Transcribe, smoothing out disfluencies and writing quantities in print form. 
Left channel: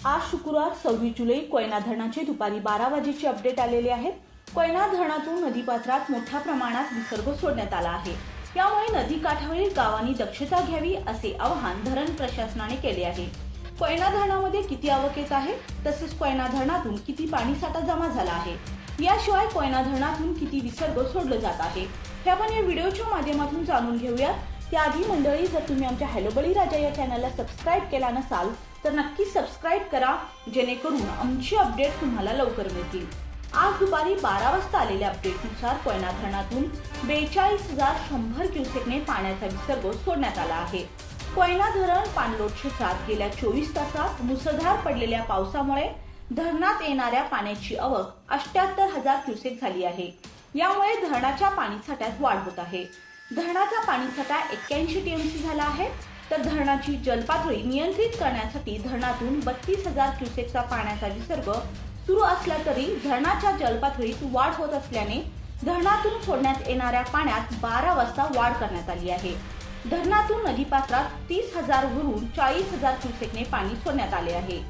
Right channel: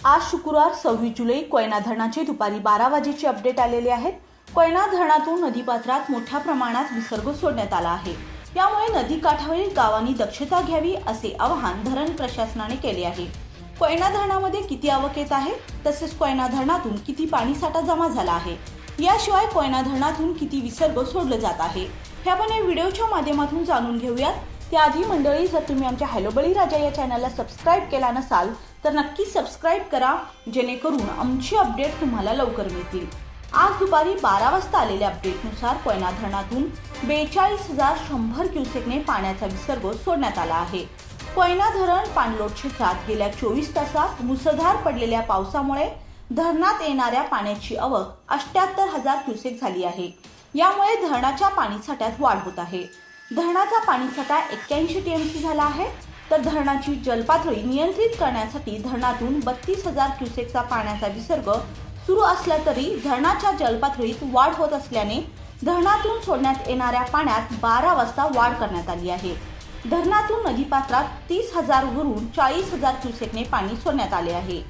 आज शुक्रवार 26 जुलै कोयना धरणाचे दुपारी 12 वाजेचे अपडेट आलेले आहेत। कोयना धरणातून नदीपात्रात मोठ्या प्रमाणात विसर्ग सोडण्यात आला आहे। यामुळे नदी काठावरील गावांनी दक्षता घ्यावी असे आवाहन धरण प्रशासनाने केले आहे। कोयना धरणामध्ये किती आवक येत आहे, तसेच कोयना धरणातून किती पाणीसाठा जमा झाला आहे, याशिवाय कोयना धरणातून किती विसर्ग सोडला जात आहे, हे आपण या व्हिडिओच्या माध्यमातून जाणून घेऊयात। त्याआधी मंडळी, जर तुम्ही आमच्या हॅलो बळीराजा या चॅनलला सबस्क्राइब केला नसाल तर नक्की सबस्क्राइब करा, जेणेकरून आमची अपडेट तुम्हाला लवकर मिळतील। आज दुपारी 12 वाजता आलेल्या अपडेटनुसार कोयना धरणातून 42,100 क्युसेकने पाण्याचा विसर्ग सोडण्यात आला आहे। कोयना धरण पाणलोट क्षेत्रात गेल्या 24 तासात मुसळधार पडलेल्या पावसामुळे धरणात येणाऱ्या पाण्याची आवक 78,000 क्युसेक झाली आहे। यामुळे धरणाच्या पाणीसाठ्यात वाढ होत आहे। धरणाचा पाणीसाठा 81 टीएमसी झाला आहे, तर धरणाची जलपातळी नियंत्रित करण्यासाठी धरणातून 32,000 क्युसेकचा पाण्याचा विसर्ग सुरू असला तरी धरणाच्या जलपातळीत वाढ होत असल्याने धरणातून सोडण्यात येणाऱ्या पाण्यात 12 वाजता वाढ करण्यात आली आहे। धरणातून नदीपात्रात 30,000 वरून 40,000 क्युसेकने पाणी सोडण्यात आले आहे।